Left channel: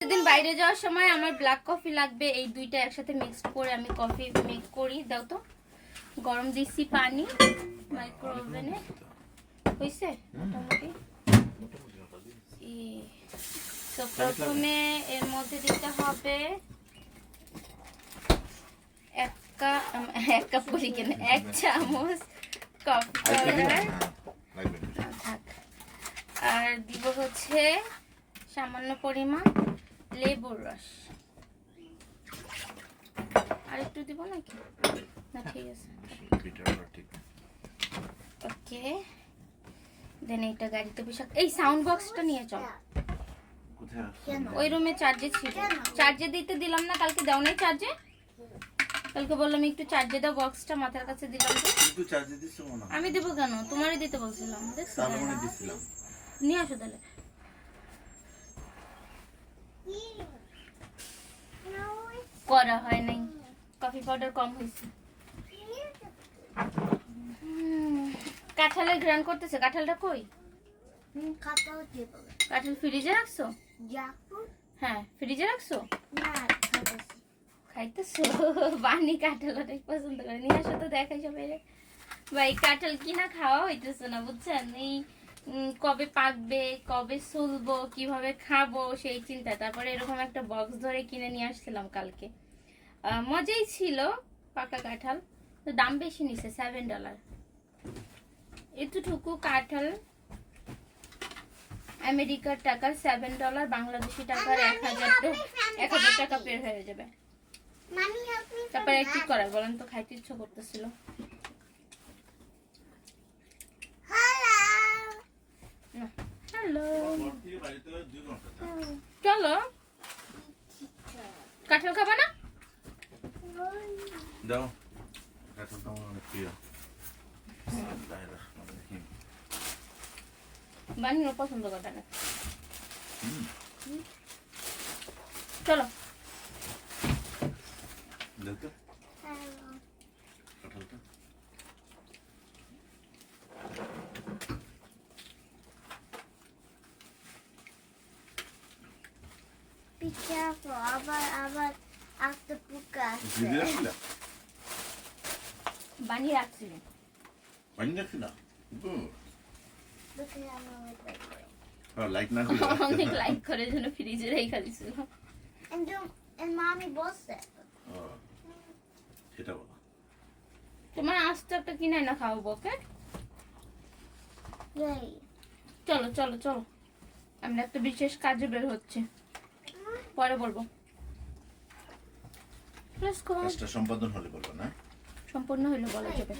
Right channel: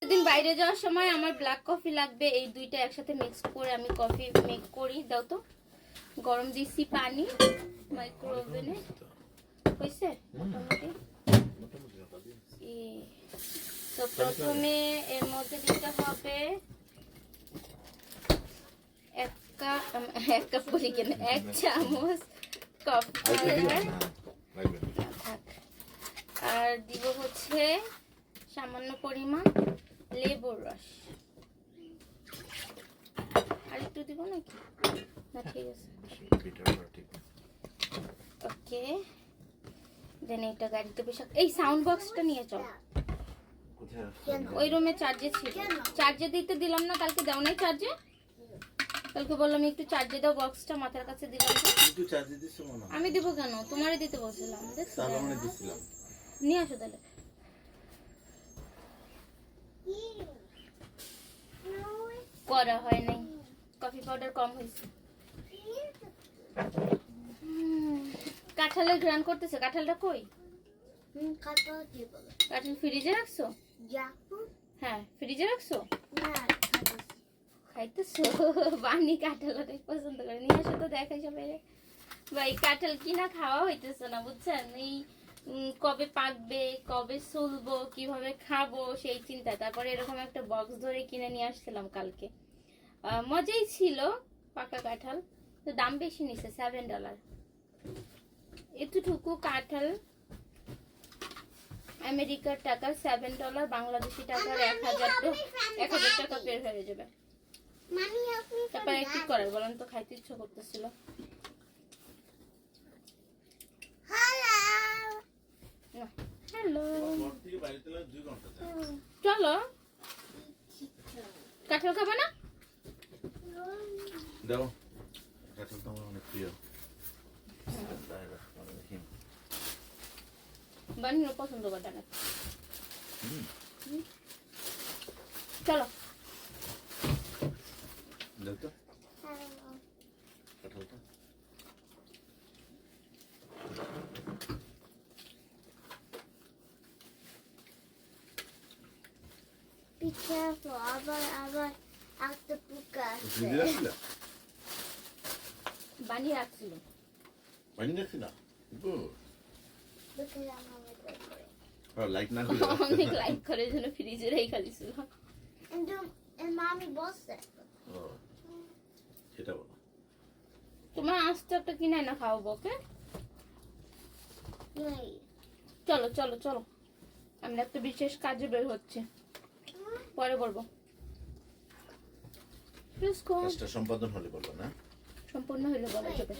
সেদিন বাইরে যাওয়ার সময় আমার ব্ল্যাক কফি লাগবে, এই দুইটা একসাথে মিক্স করে আমি কফি মেক করি। দাও তো। গরম দিছি পানি মাইক্রো ওভেনে। হইছে মোটামুটি। তো প্রথমে এর মধ্যে দিতে হবে এক কাপ বলি কেন, 1 চামচ কফি পাউডার। আর দিব হচ্ছে সামান্য পরিমাণ লেবুর রস। আর একটু দিব নাকি? না ঠিক আছে। ওকে, দেন এটা গাড়িতে বসে এই সাউন্ড বক্সটা নিয়ে চল। ওই রুমে চার্জে ছিল, চার্জে দিতে দিলাম না কালকে। দাও নাই চার্জে? কালকে বললাম একটু চার্জে দাও, বক্সটা মাথার কাছে দিলাম। একটু চার্জে দিছো মনে হয়। আমি দিব কেন? তোমারই দিতে বলছিলাম। সালমনে দিছিলাম। নিয়ে আসো তাহলে। করা হয় নাই, কফি পাউডার কম হয়েছে। কাঁঠালের গ্রান করতেছে। কাঁঠালটা কই? কাঁঠাল ফ্রিজে রাখছো? হ্যাঁ ফ্রিজে রাখছো। খাইতেছো? বানি কাঁঠাল অনেক পছন্দ করে। নিয়ে আসো তো দেখাই সবাই। ভাই কাঁঠাল কিনা খাওয়া হইতেছে না বুঝছেন। এই কবে পাকবে, কবে সুলবো, কিভাবে খাবো সেই চিন্তায়। তারপরে এরকম একটা বক্স ধরে কিনে নিয়ে আসছিলাম কালকে। মজাই ছিল পাকা কাঁঠাল, তো দাম বেশি নিছে, $7। এতটুকু কাঁঠাল আমেরিকার টাকার $7, বাংলাদেশি টাকার 1000 টাকা বের হয়ে যাবে। তারপরে কি করার বলেন তো, খাইতে ইচ্ছা করতেছিল। হ্যালো, চলো। কাঁঠাল খাবে না? দাও, কাঁঠাল তো আমার অনেক প্রিয়। বানিয়ে পছন্দ করে না। চলো দাও তো কাঁঠালটা। Be careful, আবার একটা পোকা আছে। ভিডিও রাখছিলা? বানিয়ে রাখছিলেন? বানিয়ে রাখছিলা? দেখে আমার লাইক করে। হ্যাঁ, লাইক না অনেক লাইক করে জন্য ফ্রিজে রেখে দিছিল। And mommy বলছে। ও, সেটা বলো। তোমার আস্তে একটা কিনে না খাওয়াবো, ওকে? Yay. চলো চলো চলো, আমরা একটা বিশেষ কাজে বের হচ্ছে, পরে বলবো। কাজটা সম্পাদন হলে বলবো না? সম্পূর্ণ হইলে বলা যাবে।